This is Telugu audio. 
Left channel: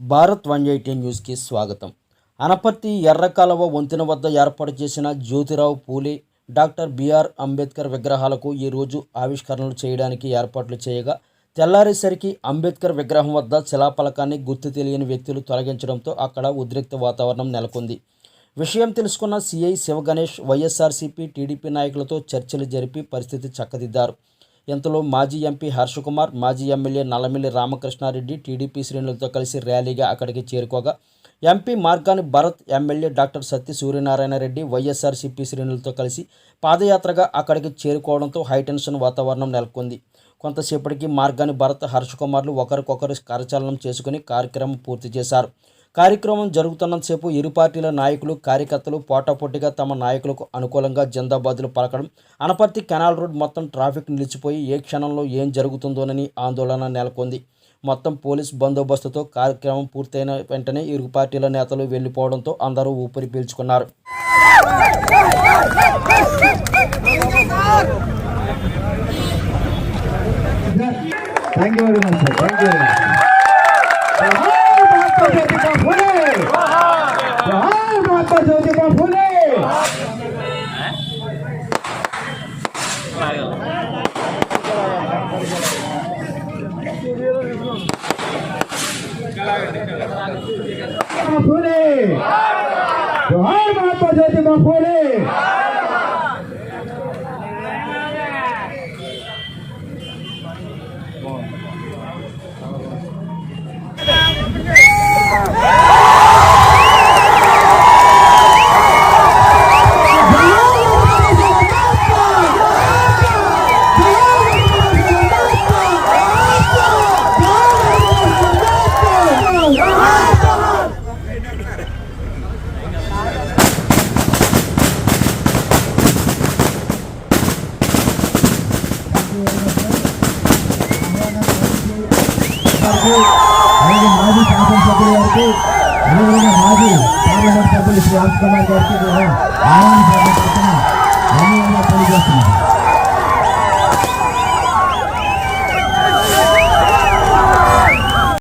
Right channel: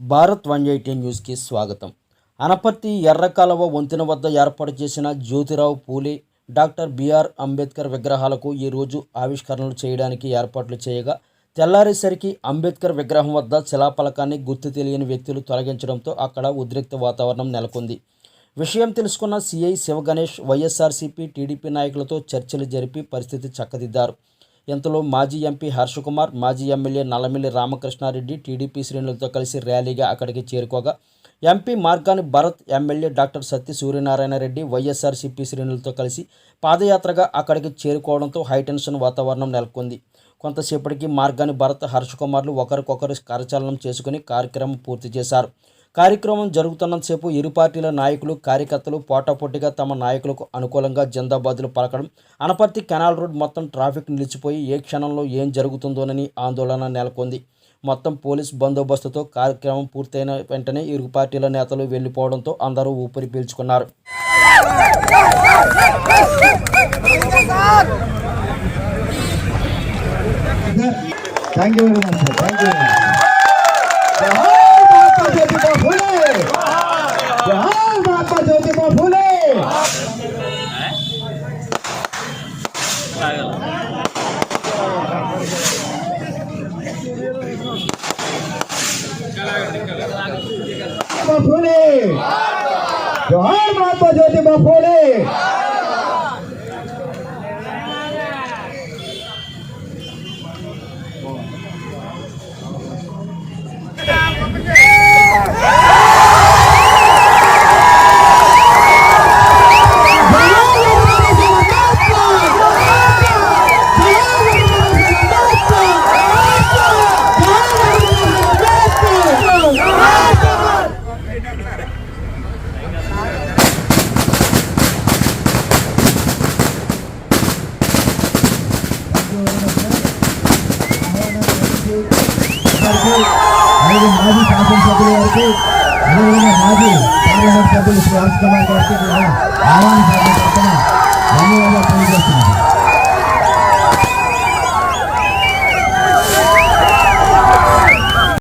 భారత్ 180 న్యూస్కి స్వాగతం. అనపర్తి ఎర్రకాలువ వంతెన వద్ద ఏర్పాటు చేసిన జ్యోతిరావు పూలే, డాక్టర్ బిఆర్ అంబేద్కర్ విగ్రహాలకు ఈరోజు ఆవిష్కరణలు చేయడానికి ఏర్పాట్లు చేయగా, తెల్లారేసరికి అంబేద్కర్ విగ్రహం వద్ద శిలాఫలకాన్ని గుర్తు తెలియని వ్యక్తులు తొలగించడంతో అక్కడ ఉద్రిక్త వాతావరణం నెలకొంది. విషయం తెలుసుకున్న సిఐ శివగణేష్ వైఎస్ఆర్సీపీ, టీడీపీ నాయకులతో చర్చలు జరిపి పరిస్థితి చక్కదిద్దారు. ఇంతలో మాజీ ఎంపీ హర్షకుమార్, మాజీ ఎమ్మెల్యే నల్లమిల్లి రామకృష్ణారెడ్డి టీడీపీ శ్రేణులతో కలిసి ర్యాలీగా అక్కడికి చేరుకోగా, MP Margani Bharat, MLA doctor Satya Suryanarayana Reddy YSRCP శ్రేణులతో కలిసి పాదయాత్రగా అక్కడికి చేరుకోవడంతో హైటెన్షన్ వాతావరణం నెలకొంది. కొంతసేపటికి మార్గాని భరత్, హర్షకుమార్లు ఒకరికొకరు కరచాలనం చేసుకుని కార్యక్రమం పూర్తి చేశారు. కార్యక్రమం జరుగుతున్నంతసేపు ఇరు పార్టీల నాయకులు, కార్యకర్తలు పోటాపోటీగా తమ నాయకులకు అనుకూలంగా జిందాబాదులు పలకడం, అనపర్తి కెనాల్ రోడ్ మొత్తం ట్రాఫిక్ నిలిచిపోయి ఏ క్షణంలో ఏం జరుగుతుందోనని ఆందోళన నెలకొంది. మొత్తం పోలీస్ బందోబస్తుతో కార్యక్రమం పూర్తయిన వెంటనే ఇరు పార్టీల నేతలు వెళ్లిపోవడంతో అందరూ ఊపిరి పీల్చుకున్నారు. फूले जोहार महात्मा ज्योतिबा फूले మాజీ శాసనసభ్యుల వారికి, అదేవిధంగా మాజీ పార్లమెంట్ సభ్యులు శ్రీ హర్షకుమార్ గారికి ఆహ్వానించాలని